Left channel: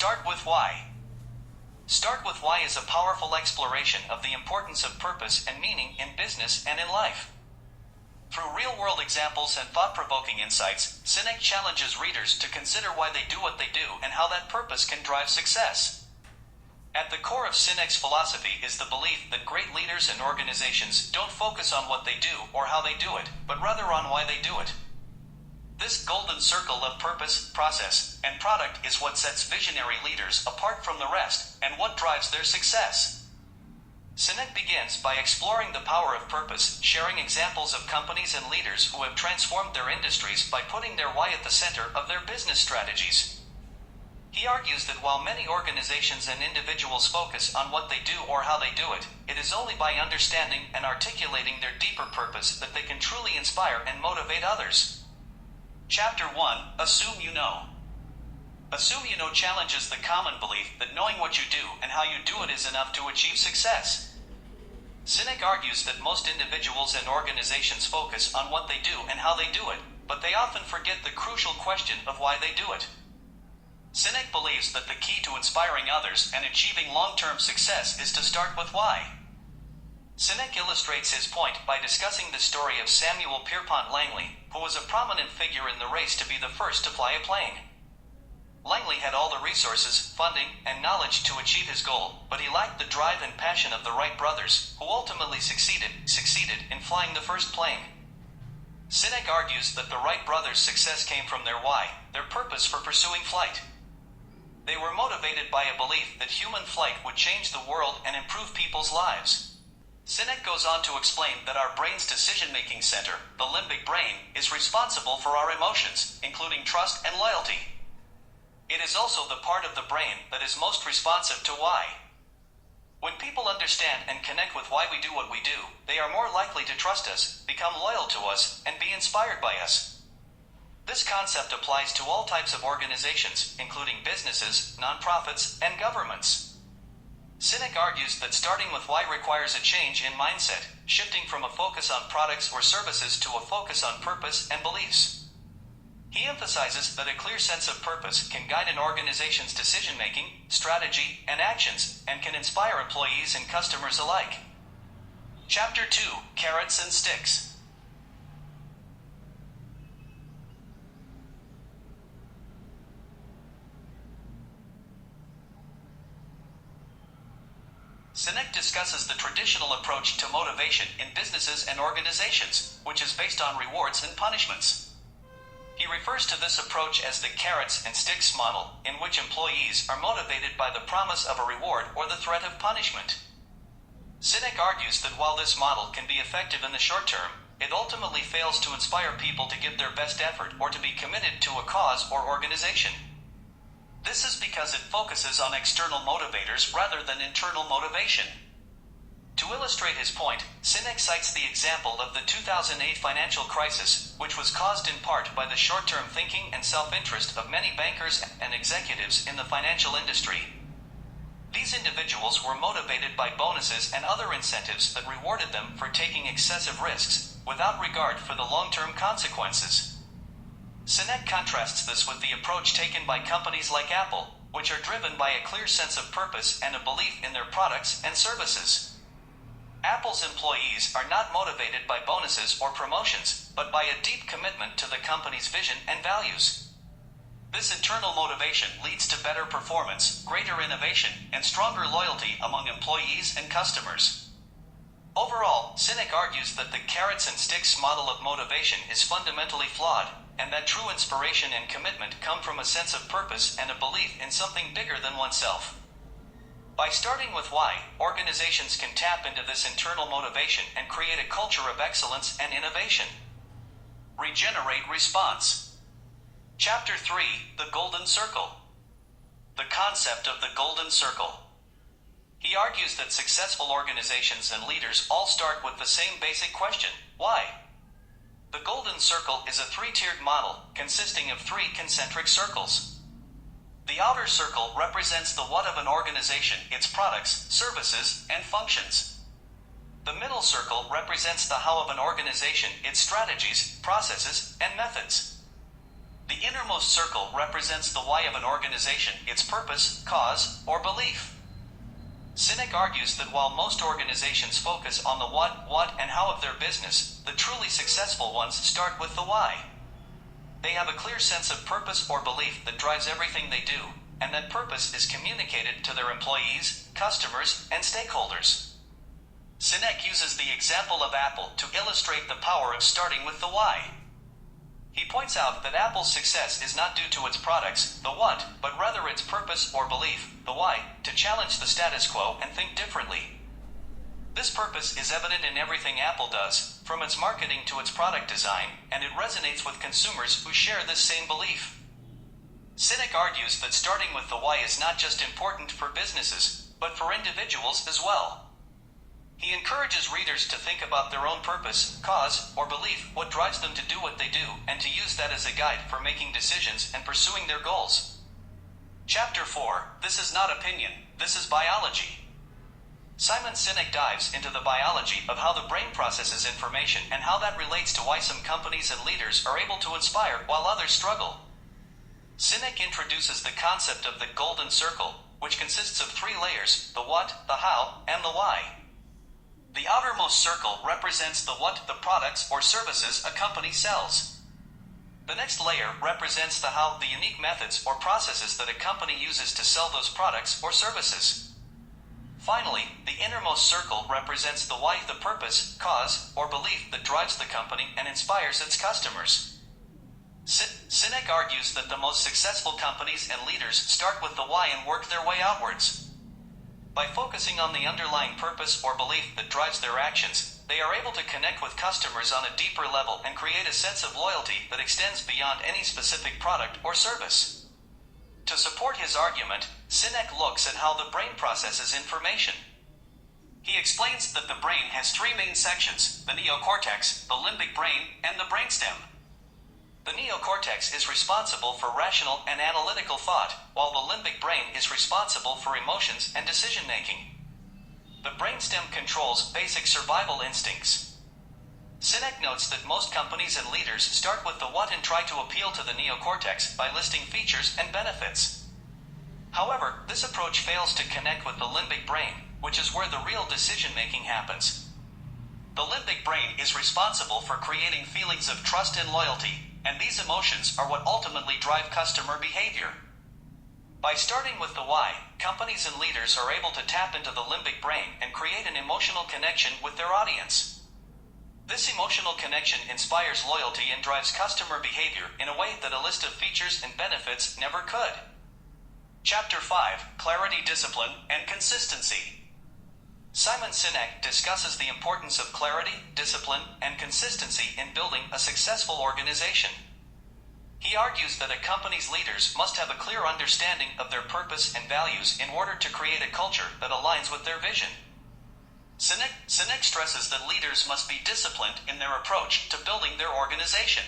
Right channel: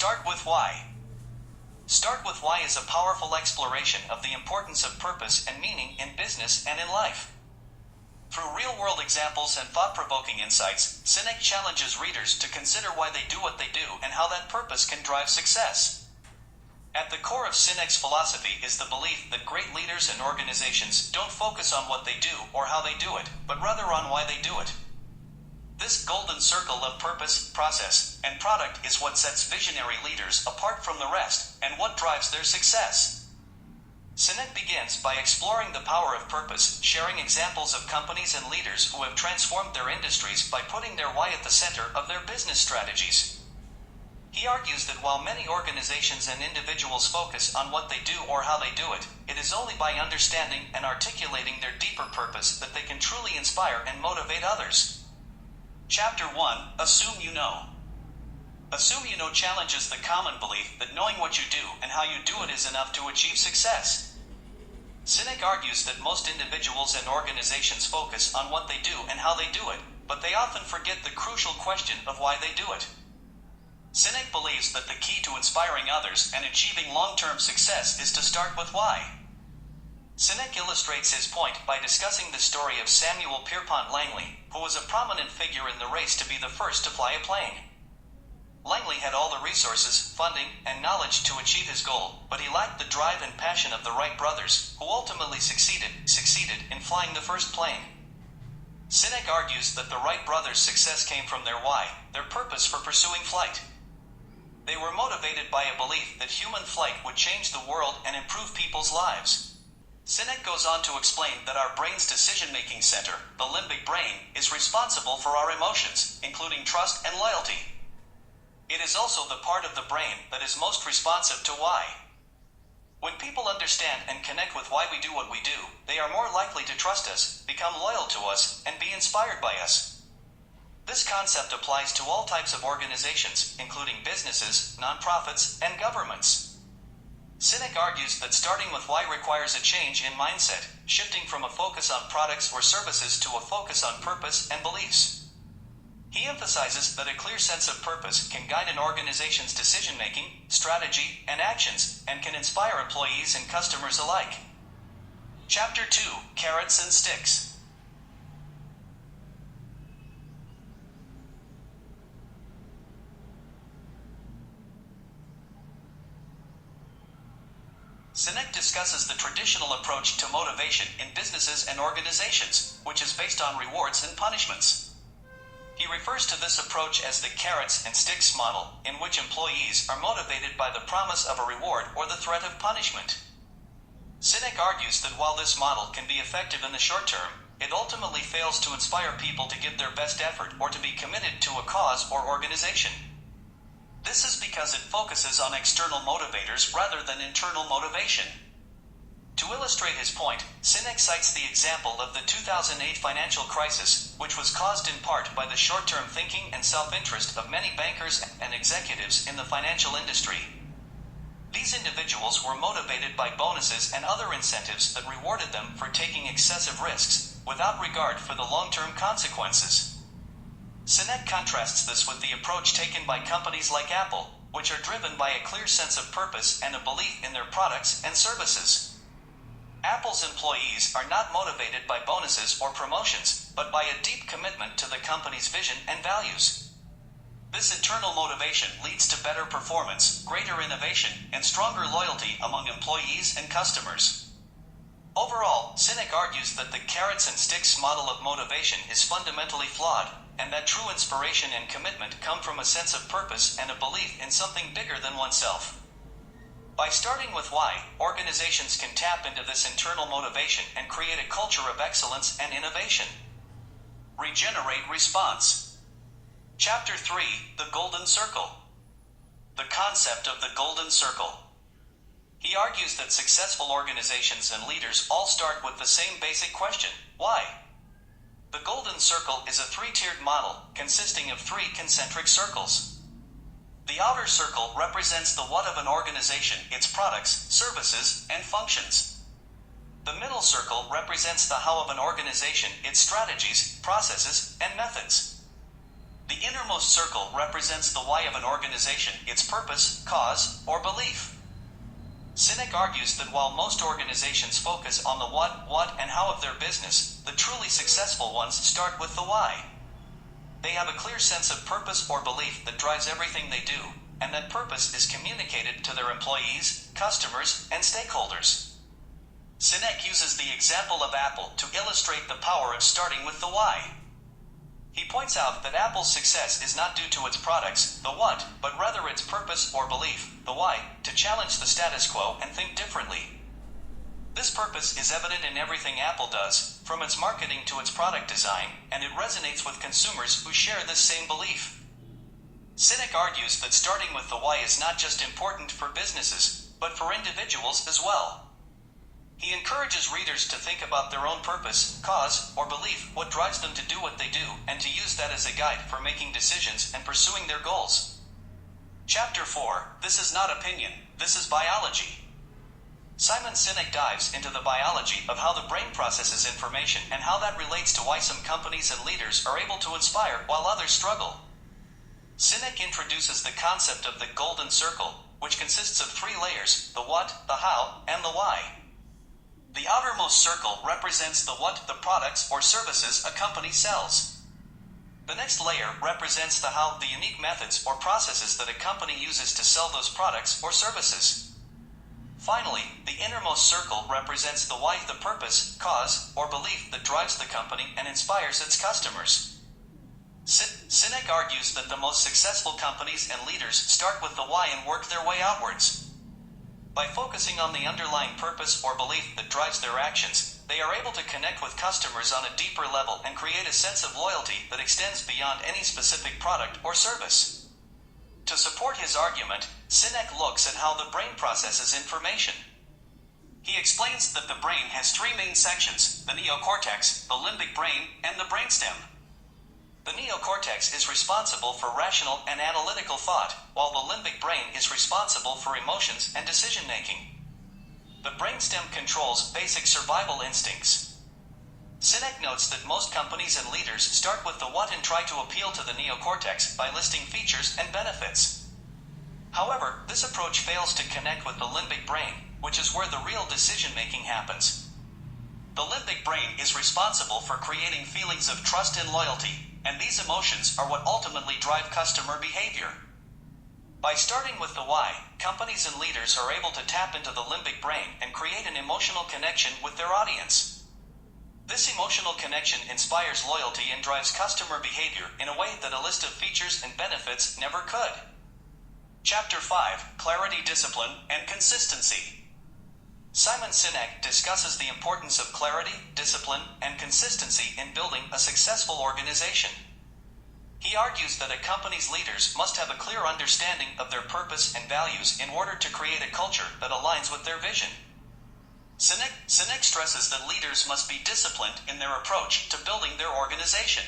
Start with why. Start with why is a powerful exploration of the importance of purpose and meaning in business and in life. Through real-world examples and thought-provoking insights, Sinek challenges readers to consider why they do what they do and how that purpose can drive success. At the core of Sinek's philosophy is the belief that great leaders and organizations don't focus on what they do or how they do it, but rather on why they do it. This golden circle of purpose, process, and product is what sets visionary leaders apart from the rest and what drives their success. Sinek begins by exploring the power of purpose, sharing examples of companies and leaders who have transformed their industries by putting their why at the center of their business strategies. He argues that while many organizations and individuals focus on what they do or how they do it, it is only by understanding and articulating their deeper purpose that they can truly inspire and motivate others. Chapter 1: Assume You Know. Assume You Know challenges the common belief that knowing what you do and how you do it is enough to achieve success. Sinek argues that most individuals and organizations focus on what they do and how they do it, but they often forget the crucial question of why they do it. Sinek believes that the key to inspiring others and achieving long-term success is to start with why. Sinek illustrates his point by discussing the story of Samuel Pierpont Langley, who was a prominent figure in the race to be the first to fly a plane. Langley had all the resources, funding, and knowledge to achieve his goal, but he lacked the drive and passion of the Wright brothers, who ultimately succeeded in flying the first plane. Sinek argues that the Wright brothers' success came from their why, their purpose for pursuing flight. They were motivated by a belief that human flight would change the world and improve people's lives. Sinek goes on to explain that our brain's decision-making center, the limbic brain, is responsible for our emotions, including trust and loyalty. It is also the part of the brain that is most responsive to why. When people understand and connect with why we do what we do, they are more likely to trust us, become loyal to us, and be inspired by us. This concept applies to all types of organizations, including businesses, nonprofits, and governments. Sinek argues that starting with why requires a change in mindset, shifting from a focus on products or services to a focus on purpose and beliefs. He emphasizes that a clear sense of purpose can guide an organization's decision-making, strategy, and actions, and can inspire employees and customers alike. Chapter 2: Carrots and Sticks. Sinek discusses the traditional approach to motivation in businesses and organizations, which is based on rewards and punishments. He refers to this approach as the carrots and sticks model, in which employees are motivated by the promise of a reward or the threat of punishment. Sinek argues that while this model can be effective in the short term, it ultimately fails to inspire people to give their best effort or to be committed to a cause or organization. This is because it focuses on external motivators rather than internal motivation. To illustrate his point, Sinek cites the example of the 2008 financial crisis, which was caused in part by the short-term thinking and self-interest of many bankers and executives in the financial industry. These individuals were motivated by bonuses and other incentives that rewarded them for taking excessive risks, without regard for the long-term consequences. Sinek contrasts this with the approach taken by companies like Apple, which are driven by a clear sense of purpose and a belief in their products and services. Apple's employees are not motivated by bonuses or promotions, but by a deep commitment to the company's vision and values. This internal motivation leads to better performance, greater innovation, and stronger loyalty among employees and customers. Overall, Sinek argues that the carrots and sticks model of motivation is fundamentally flawed, and that true inspiration and commitment come from a sense of purpose and a belief in something bigger than oneself. By starting with why, organizations can tap into this internal motivation and create a culture of excellence and innovation. Regenerate response. Chapter 3: The Golden Circle. The concept of the Golden Circle. He argues that successful organizations and leaders all start with the same basic question: why? The Golden Circle is a three-tiered model consisting of three concentric circles. The outer circle represents the what of an organization, its products, services, and functions. The middle circle represents the how of an organization, its strategies, processes, and methods. The innermost circle represents the why of an organization, its purpose, cause, or belief. Sinek argues that while most organizations focus on the what, and how of their business, the truly successful ones start with the why. They have a clear sense of purpose or belief that drives everything they do, and that purpose is communicated to their employees, customers, and stakeholders. Sinek uses the example of Apple to illustrate the power of starting with the why. He points out that Apple's success is not due to its products, the what, but rather its purpose or belief, the why, to challenge the status quo and think differently. This purpose is evident in everything Apple does, from its marketing to its product design, and it resonates with consumers who share this same belief. Sinek argues that starting with the why is not just important for businesses, but for individuals as well. He encourages readers to think about their own purpose, cause, or belief, what drives them to do what they do, and to use that as a guide for making decisions and pursuing their goals. Chapter 4. This is not opinion, this is biology. Simon Sinek dives into the biology of how the brain processes information and how that relates to why some companies and leaders are able to inspire while others struggle. Sinek introduces the concept of the golden circle, which consists of 3 layers: the what, the how, and the why. The outermost circle represents the what, the products or services a company sells. The next layer represents the how, the unique methods or processes that a company uses to sell those products or services. Finally, the innermost circle represents the why, the purpose, cause, or belief that drives the company and inspires its customers. Sinek argues that the most successful companies and leaders start with the why and work their way outwards. By focusing on the underlying purpose or belief that drives their actions, they are able to connect with customers on a deeper level and create a sense of loyalty that extends beyond any specific product or service. To support his argument, Sinek looks at how the brain processes information. He explains that the brain has 3 main sections: the neocortex, the limbic brain, and the brainstem. The neocortex is responsible for rational and analytical thought, while the limbic brain is responsible for emotions and decision-making. The brainstem controls basic survival instincts. Sinek notes that most companies and leaders start with the what and try to appeal to the neocortex by listing features and benefits. However, this approach fails to connect with the limbic brain, which is where the real decision-making happens. The limbic brain is responsible for creating feelings of trust and loyalty, and these emotions are what ultimately drive customer behavior. By starting with the why, companies and leaders are able to tap into the limbic brain and create an emotional connection with their audience. This emotional connection inspires loyalty and drives customer behavior in a way that a list of features and benefits never could. Chapter 5. Clarity, Discipline, and Consistency. Simon Sinek discusses the importance of clarity, discipline, and consistency in building a successful organization. He argues that a company's leaders must have a clear understanding of their purpose and values in order to create a culture that aligns with their vision. Sinek stresses that leaders must be disciplined in their approach to building their organization.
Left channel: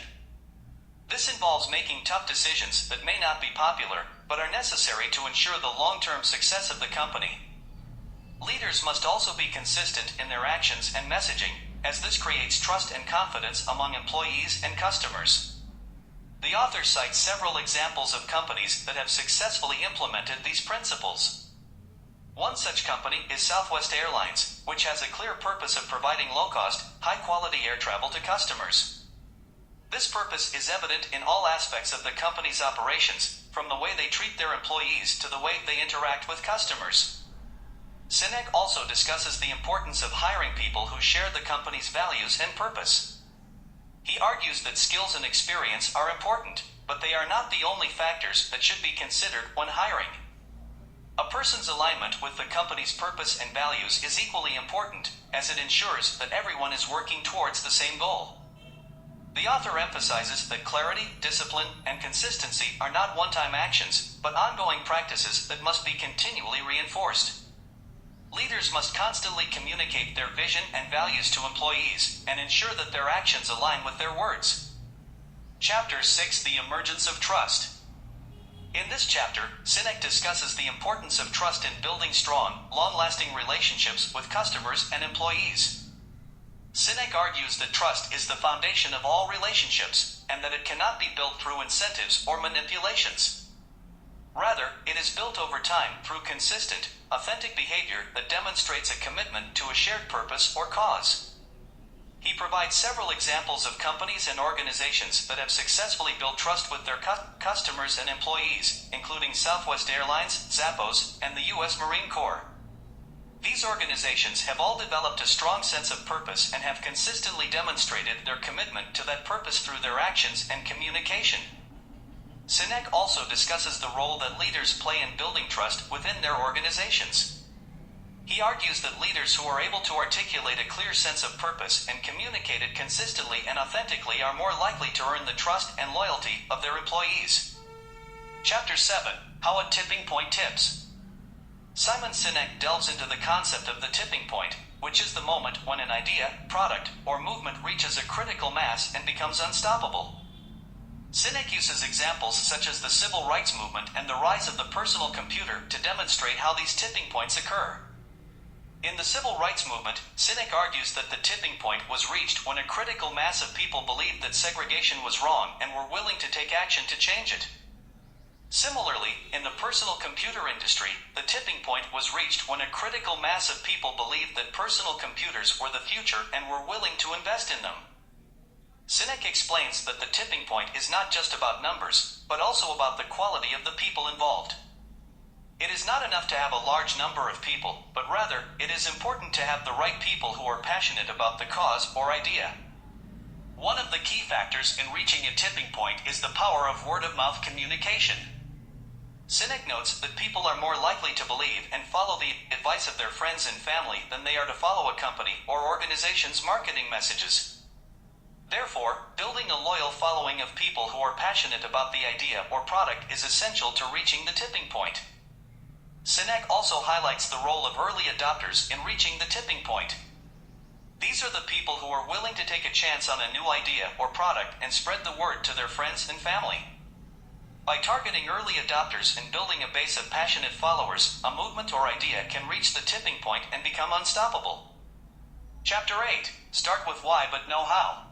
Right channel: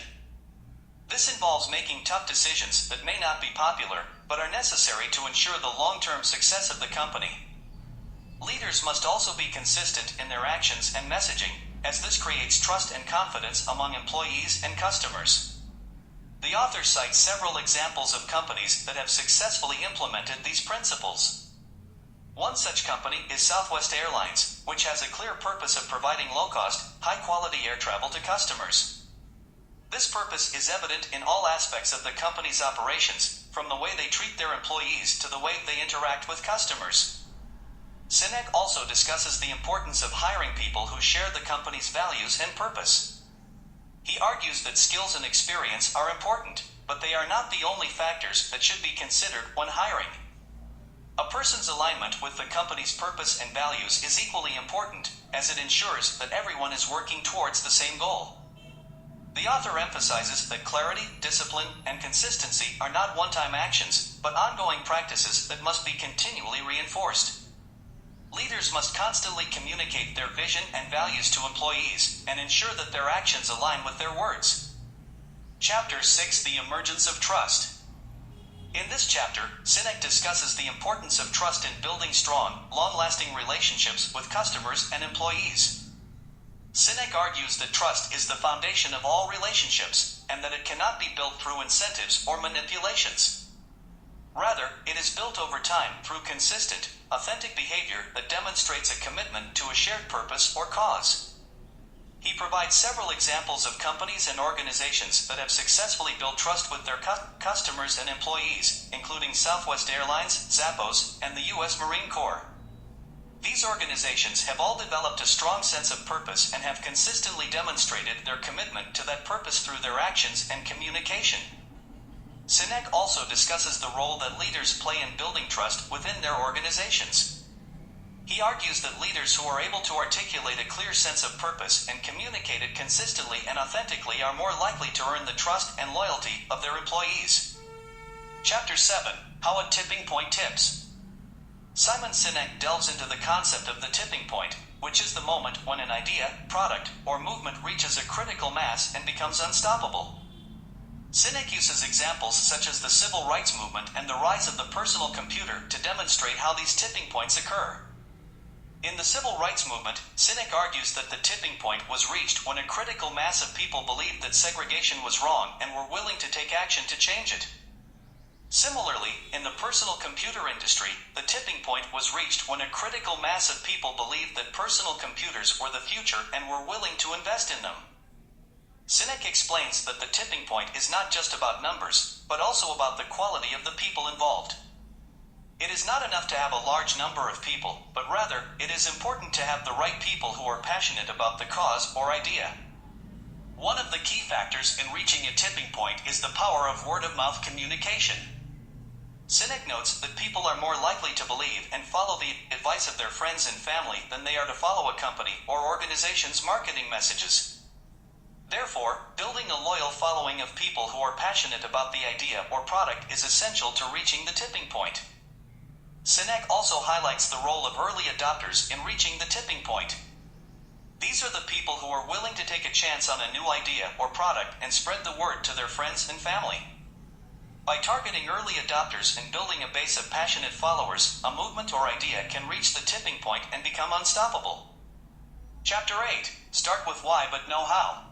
This involves making tough decisions that may not be popular, but are necessary to ensure the long-term success of the company. Leaders must also be consistent in their actions and messaging, as this creates trust and confidence among employees and customers. The author cites several examples of companies that have successfully implemented these principles. One such company is Southwest Airlines, which has a clear purpose of providing low-cost, high-quality air travel to customers. This purpose is evident in all aspects of the company's operations, from the way they treat their employees to the way they interact with customers. Sinek also discusses the importance of hiring people who share the company's values and purpose. He argues that skills and experience are important, but they are not the only factors that should be considered when hiring. A person's alignment with the company's purpose and values is equally important, as it ensures that everyone is working towards the same goal. The author emphasizes that clarity, discipline, and consistency are not one-time actions, but ongoing practices that must be continually reinforced. Leaders must constantly communicate their vision and values to employees, and ensure that their actions align with their words. Chapter 6. The Emergence of Trust. In this chapter, Sinek discusses the importance of trust in building strong, long-lasting relationships with customers and employees. Sinek argues that trust is the foundation of all relationships, and that it cannot be built through incentives or manipulations. Rather, it is built over time through consistent, authentic behavior that demonstrates a commitment to a shared purpose or cause. He provides several examples of companies and organizations that have successfully built trust with their customers and employees, including Southwest Airlines, Zappos, and the U.S. Marine Corps. These organizations have all developed a strong sense of purpose and have consistently demonstrated their commitment to that purpose through their actions and communication. Sinek also discusses the role that leaders play in building trust within their organizations. He argues that leaders who are able to articulate a clear sense of purpose and communicate it consistently and authentically are more likely to earn the trust and loyalty of their employees. Chapter 7: How a Tipping Point Tips. Simon Sinek delves into the concept of the tipping point, which is the moment when an idea, product, or movement reaches a critical mass and becomes unstoppable. Sinek uses examples such as the civil rights movement and the rise of the personal computer to demonstrate how these tipping points occur. In the civil rights movement, Sinek argues that the tipping point was reached when a critical mass of people believed that segregation was wrong and were willing to take action to change it. Similarly, in the personal computer industry, the tipping point was reached when a critical mass of people believed that personal computers were the future and were willing to invest in them. Sinek explains that the tipping point is not just about numbers, but also about the quality of the people involved. It is not enough to have a large number of people, but rather, it is important to have the right people who are passionate about the cause or idea. One of the key factors in reaching a tipping point is the power of word-of-mouth communication. Sinek notes that people are more likely to believe and follow the advice of their friends and family than they are to follow a company or organization's marketing messages. Therefore, building a loyal following of people who are passionate about the idea or product is essential to reaching the tipping point. Sinek also highlights the role of early adopters in reaching the tipping point. These are the people who are willing to take a chance on a new idea or product and spread the word to their friends and family. By targeting early adopters and building a base of passionate followers, a movement or idea can reach the tipping point and become unstoppable. Chapter 8: Start with why but know how.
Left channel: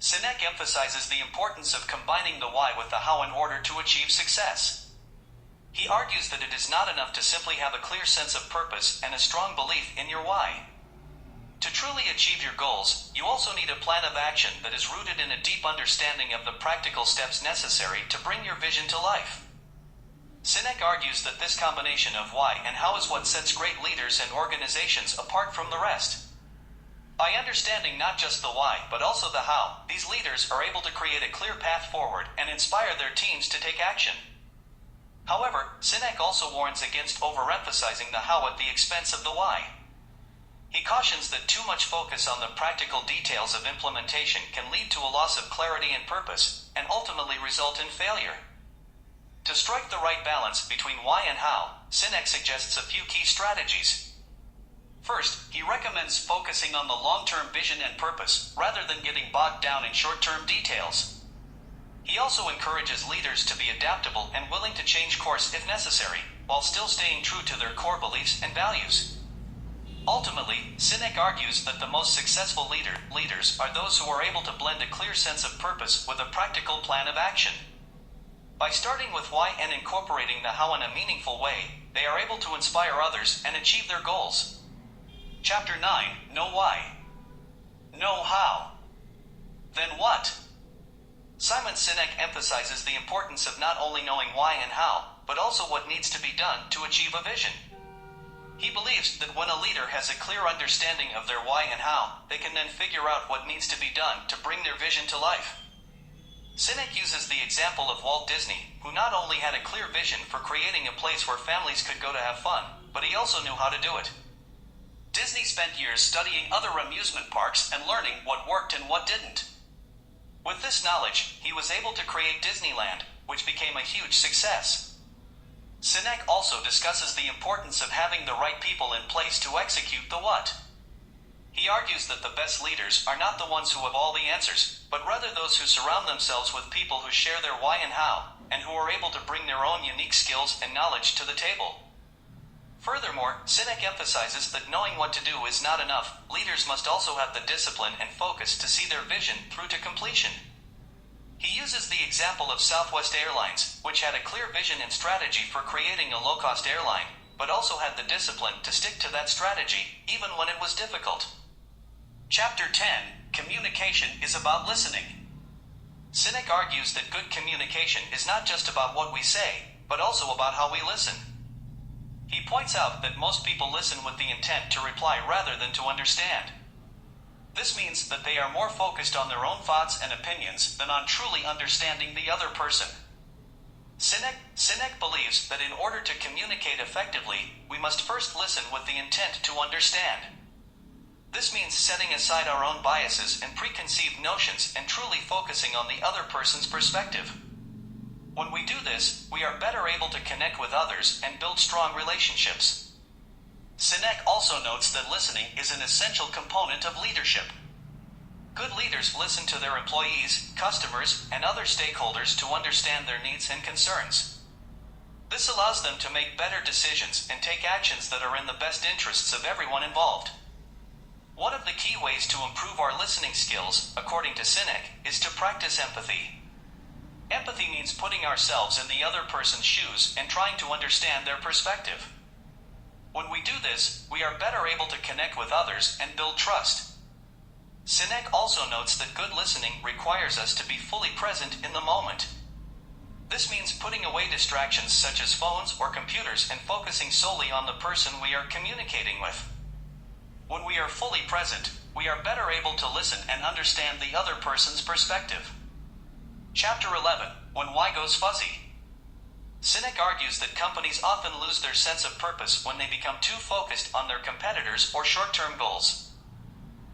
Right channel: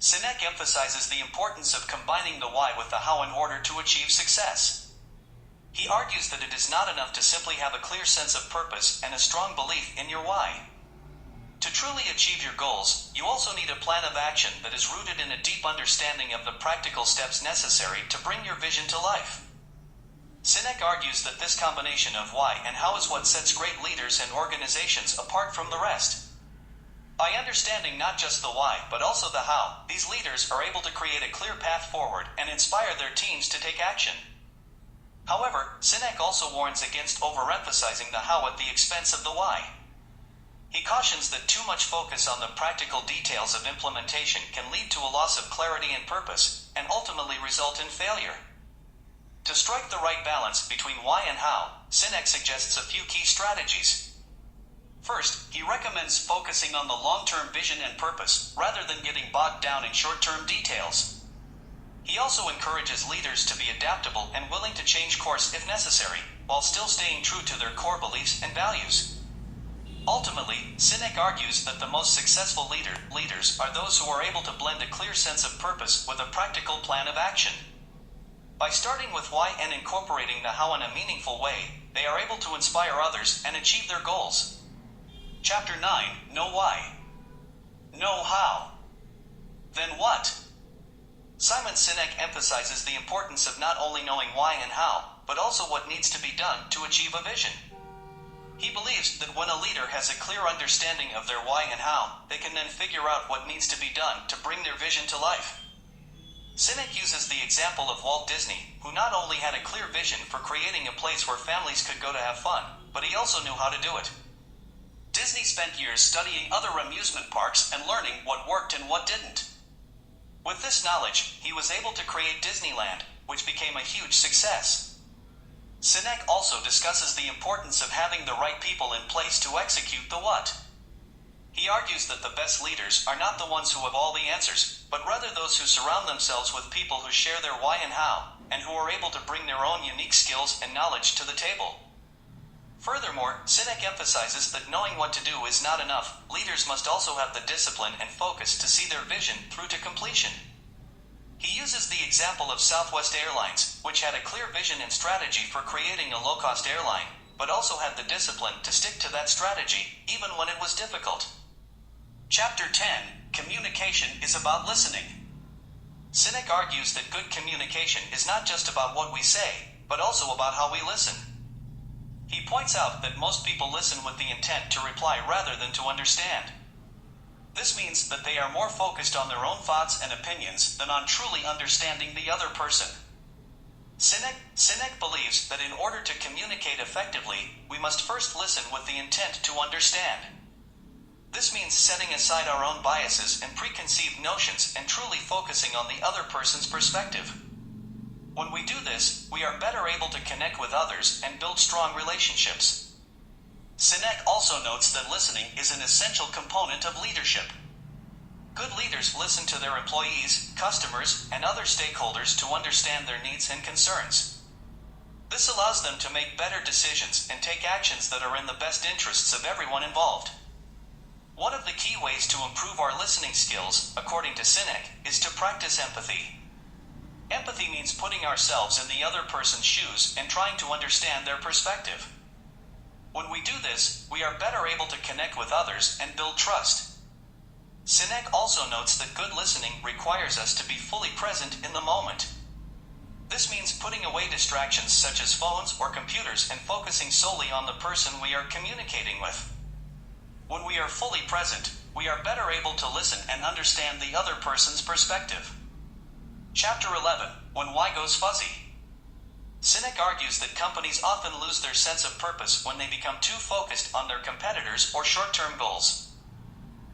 Sinek emphasizes the importance of combining the why with the how in order to achieve success. He argues that it is not enough to simply have a clear sense of purpose and a strong belief in your why. To truly achieve your goals, you also need a plan of action that is rooted in a deep understanding of the practical steps necessary to bring your vision to life. Sinek argues that this combination of why and how is what sets great leaders and organizations apart from the rest. By understanding not just the why, but also the how, these leaders are able to create a clear path forward and inspire their teams to take action. However, Sinek also warns against overemphasizing the how at the expense of the why. He cautions that too much focus on the practical details of implementation can lead to a loss of clarity and purpose, and ultimately result in failure. To strike the right balance between why and how, Sinek suggests a few key strategies. First, he recommends focusing on the long-term vision and purpose, rather than getting bogged down in short-term details. He also encourages leaders to be adaptable and willing to change course if necessary, while still staying true to their core beliefs and values. Ultimately, Sinek argues that the most successful leaders are those who are able to blend a clear sense of purpose with a practical plan of action. By starting with why and incorporating the how in a meaningful way, they are able to inspire others and achieve their goals. Chapter 9: Know why. Know how. Then what? Simon Sinek emphasizes the importance of not only knowing why and how, but also what needs to be done to achieve a vision. He believes that when a leader has a clear understanding of their why and how, they can then figure out what needs to be done to bring their vision to life. Sinek uses the example of Walt Disney, who not only had a clear vision for creating a place where families could go to have fun, but he also knew how to do it. Disney spent years studying other amusement parks and learning what worked and what didn't. With this knowledge, he was able to create Disneyland, which became a huge success. Sinek also discusses the importance of having the right people in place to execute the what. He argues that the best leaders are not the ones who have all the answers, but rather those who surround themselves with people who share their why and how, and who are able to bring their own unique skills and knowledge to the table. Furthermore, Sinek emphasizes that knowing what to do is not enough. Leaders must also have the discipline and focus to see their vision through to completion. He uses the example of Southwest Airlines, which had a clear vision and strategy for creating a low-cost airline, but also had the discipline to stick to that strategy, even when it was difficult. Chapter 10, Communication is about listening. Sinek argues that good communication is not just about what we say, but also about how we listen. He points out that most people listen with the intent to reply rather than to understand. This means that they are more focused on their own thoughts and opinions than on truly understanding the other person. Sinek believes that in order to communicate effectively, we must first listen with the intent to understand. This means setting aside our own biases and preconceived notions and truly focusing on the other person's perspective. When we do this, we are better able to connect with others and build strong relationships. Sinek also notes that listening is an essential component of leadership. Good leaders listen to their employees, customers, and other stakeholders to understand their needs and concerns. This allows them to make better decisions and take actions that are in the best interests of everyone involved. One of the key ways to improve our listening skills, according to Sinek, is to practice empathy. Empathy means putting ourselves in the other person's shoes and trying to understand their perspective. When we do this, we are better able to connect with others and build trust. Sinek also notes that good listening requires us to be fully present in the moment. This means putting away distractions such as phones or computers and focusing solely on the person we are communicating with. When we are fully present, we are better able to listen and understand the other person's perspective. Chapter 11, When Why Goes Fuzzy. Sinek argues that companies often lose their sense of purpose when they become too focused on their competitors or short-term goals.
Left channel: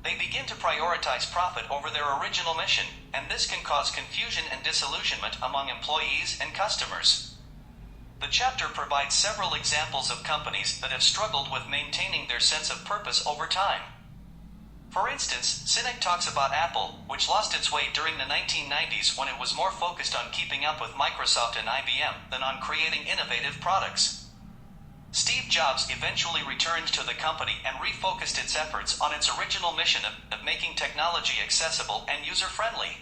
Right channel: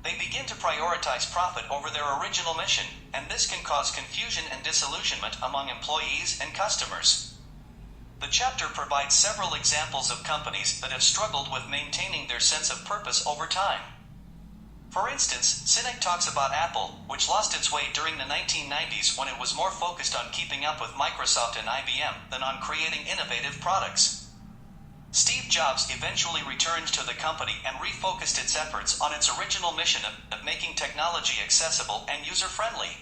They begin to prioritize profit over their original mission, and this can cause confusion and disillusionment among employees and customers. The chapter provides several examples of companies that have struggled with maintaining their sense of purpose over time. For instance, Sinek talks about Apple, which lost its way during the 1990s when it was more focused on keeping up with Microsoft and IBM than on creating innovative products. Steve Jobs eventually returned to the company and refocused its efforts on its original mission of making technology accessible and user-friendly.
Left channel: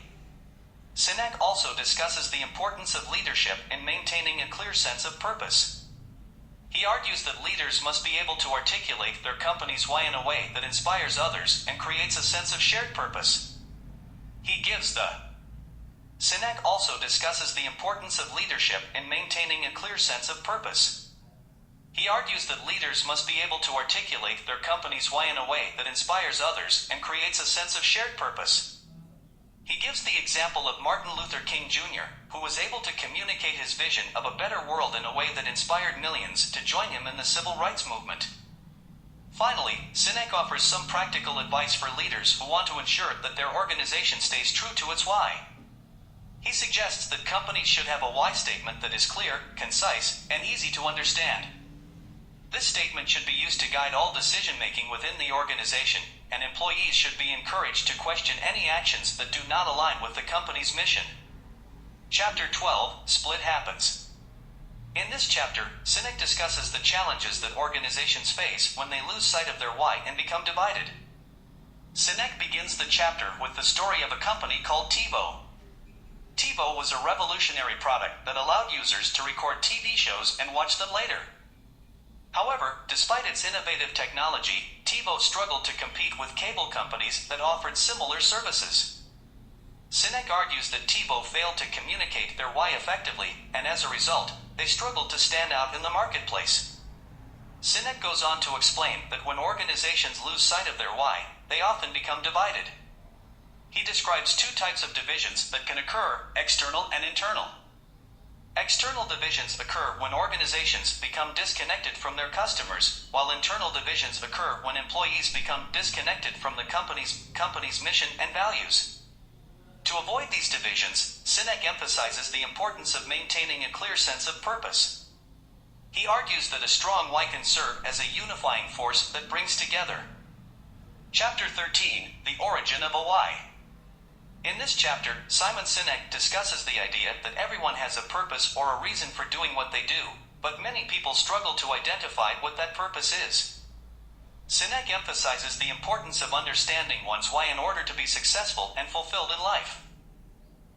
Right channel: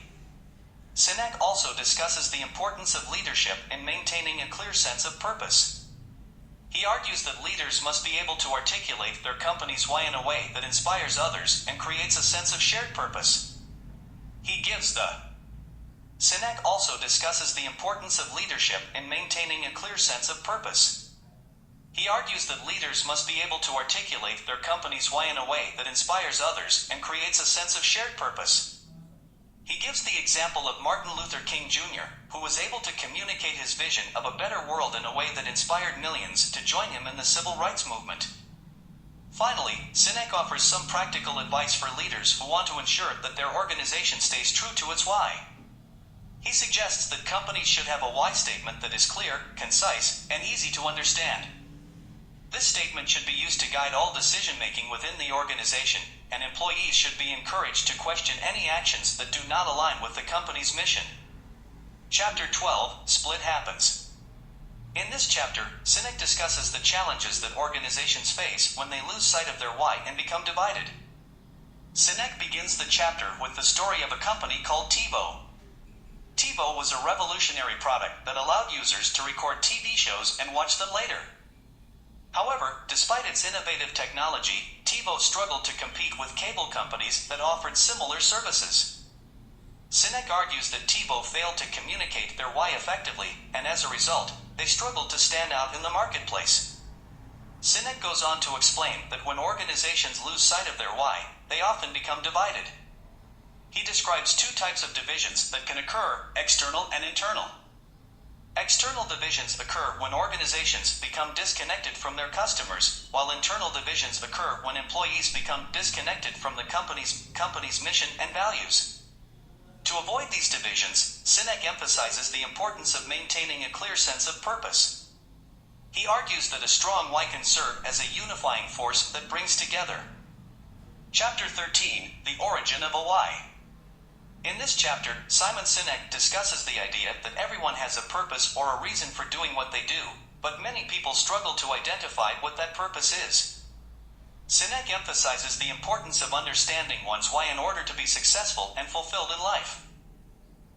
Sinek also discusses the importance of leadership in maintaining a clear sense of purpose. He argues that leaders must be able to articulate their company's why in a way that inspires others and creates a sense of shared purpose. Sinek also discusses the importance of leadership in maintaining a clear sense of purpose. He argues that leaders must be able to articulate their company's why in a way that inspires others and creates a sense of shared purpose. He gives the example of Martin Luther King Jr., who was able to communicate his vision of a better world in a way that inspired millions to join him in the civil rights movement. Finally, Sinek offers some practical advice for leaders who want to ensure that their organization stays true to its why. He suggests that companies should have a why statement that is clear, concise, and easy to understand. This statement should be used to guide all decision-making within the organization, and employees should be encouraged to question any actions that do not align with the company's mission. Chapter 12, Split Happens. In this chapter, Sinek discusses the challenges that organizations face when they lose sight of their why and become divided. Sinek begins the chapter with the story of a company called TiVo. TiVo was a revolutionary product that allowed users to record TV shows and watch them later. However, despite its innovative technology, TiVo struggled to compete with cable companies that offered similar services. Sinek argues that TiVo failed to communicate their why effectively, and as a result, they struggled to stand out in the marketplace. Sinek goes on to explain that when organizations lose sight of their why, they often become divided. He describes two types of divisions that can occur: external and internal. External divisions occur when organizations become disconnected from their customers, while internal divisions occur when employees become disconnected from the company's mission and values. To avoid these divisions, Sinek emphasizes the importance of maintaining a clear sense of purpose. He argues that a strong why can serve as a unifying force that brings together. Chapter 13, The Origin of a Why. In this chapter, Simon Sinek discusses the idea that everyone has a purpose or a reason for doing what they do, but many people struggle to identify what that purpose is. Sinek emphasizes the importance of understanding one's why in order to be successful and fulfilled in life.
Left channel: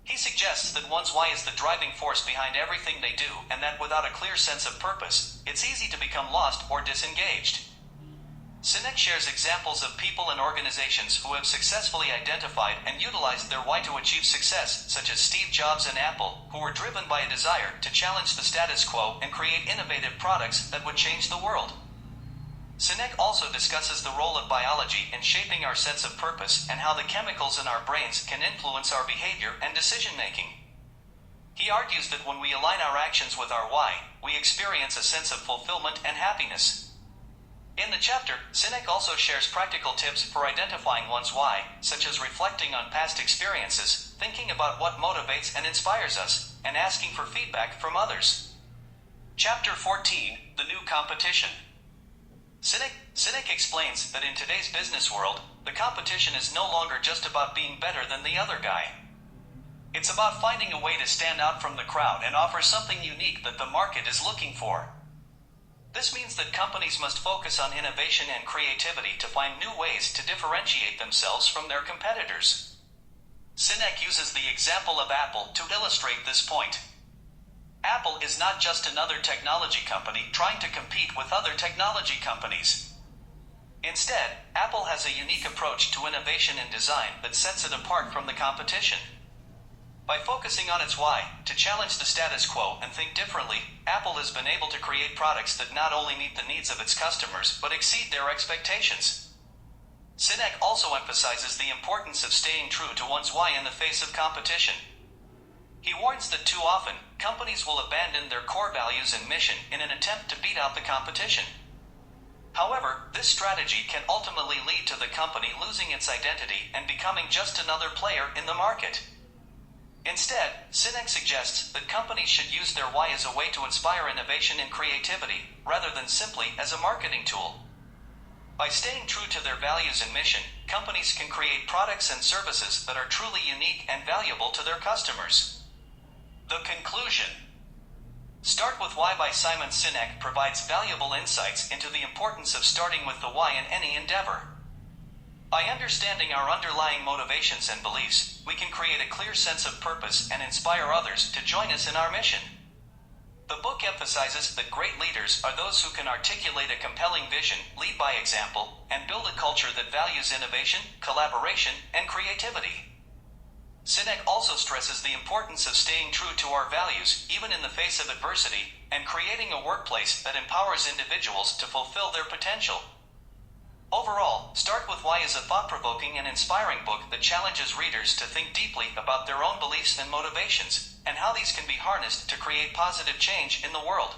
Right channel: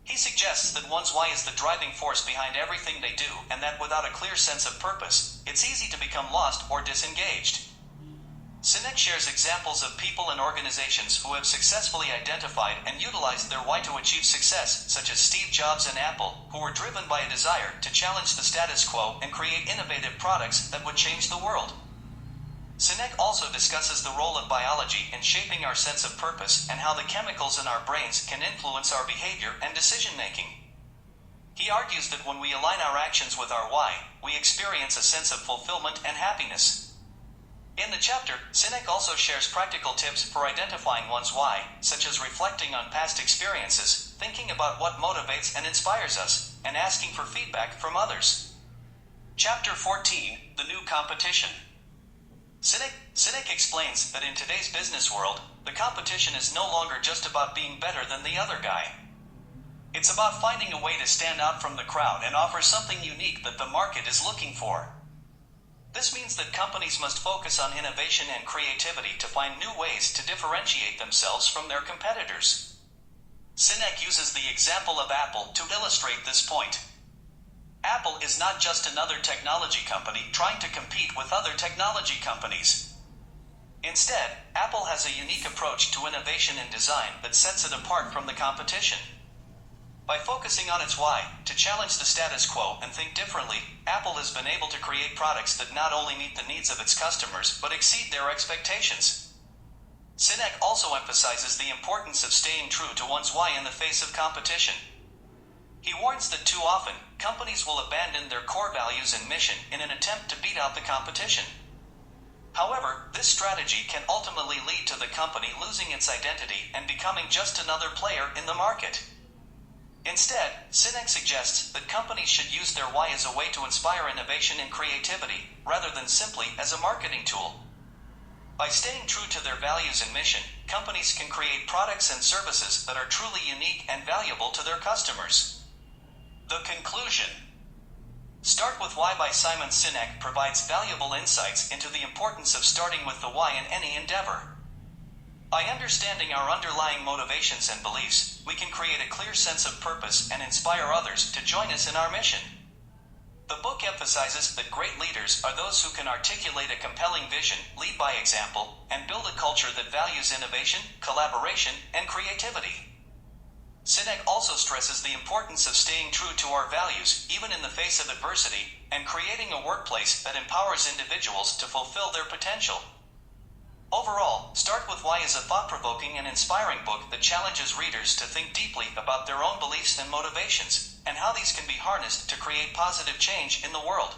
He suggests that one's why is the driving force behind everything they do, and that without a clear sense of purpose, it's easy to become lost or disengaged. Sinek shares examples of people and organizations who have successfully identified and utilized their why to achieve success, such as Steve Jobs and Apple, who were driven by a desire to challenge the status quo and create innovative products that would change the world. Sinek also discusses the role of biology in shaping our sense of purpose and how the chemicals in our brains can influence our behavior and decision-making. He argues that when we align our actions with our why, we experience a sense of fulfillment and happiness. In the chapter, Sinek also shares practical tips for identifying one's why, such as reflecting on past experiences, thinking about what motivates and inspires us, and asking for feedback from others. Chapter 14, The New Competition. Sinek explains that in today's business world, the competition is no longer just about being better than the other guy. It's about finding a way to stand out from the crowd and offer something unique that the market is looking for. This means that companies must focus on innovation and creativity to find new ways to differentiate themselves from their competitors. Sinek uses the example of Apple to illustrate this point. Apple is not just another technology company trying to compete with other technology companies. Instead, Apple has a unique approach to innovation and design that sets it apart from the competition. By focusing on its why, to challenge the status quo and think differently, Apple has been able to create products that not only meet the needs of its customers but exceed their expectations. Sinek also emphasizes the importance of staying true to one's why in the face of competition. He warns that too often, companies will abandon their core values and mission in an attempt to beat out the competition. However, this strategy can ultimately lead to the company losing its identity and becoming just another player in the market. Instead, Sinek suggests that companies should use their why as a way to inspire innovation and creativity, rather than simply as a marketing tool. By staying true to their values and mission, companies can create products and services that are truly unique and valuable to their customers. The conclusion. Start with Why by Simon Sinek provides valuable insights into the importance of starting with the why in any endeavor. By understanding our underlying motivations and beliefs, we can create a clear sense of purpose and inspire others to join us in our mission. The book emphasizes that great leaders are those who can articulate a compelling vision, lead by example, and build a culture that values innovation, collaboration, and creativity. Sinek also stresses the importance of staying true to our values, even in the face of adversity, and creating a workplace that empowers individuals to fulfill their potential. Overall, Start With Why is a thought-provoking and inspiring book that challenges readers to think deeply about their own beliefs and motivations, and how these can be harnessed to create positive change in the world.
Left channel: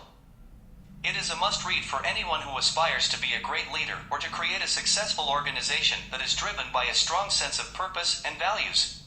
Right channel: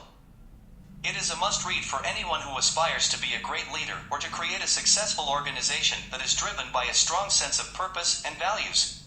It is a must-read for anyone who aspires to be a great leader or to create a successful organization that is driven by a strong sense of purpose and values.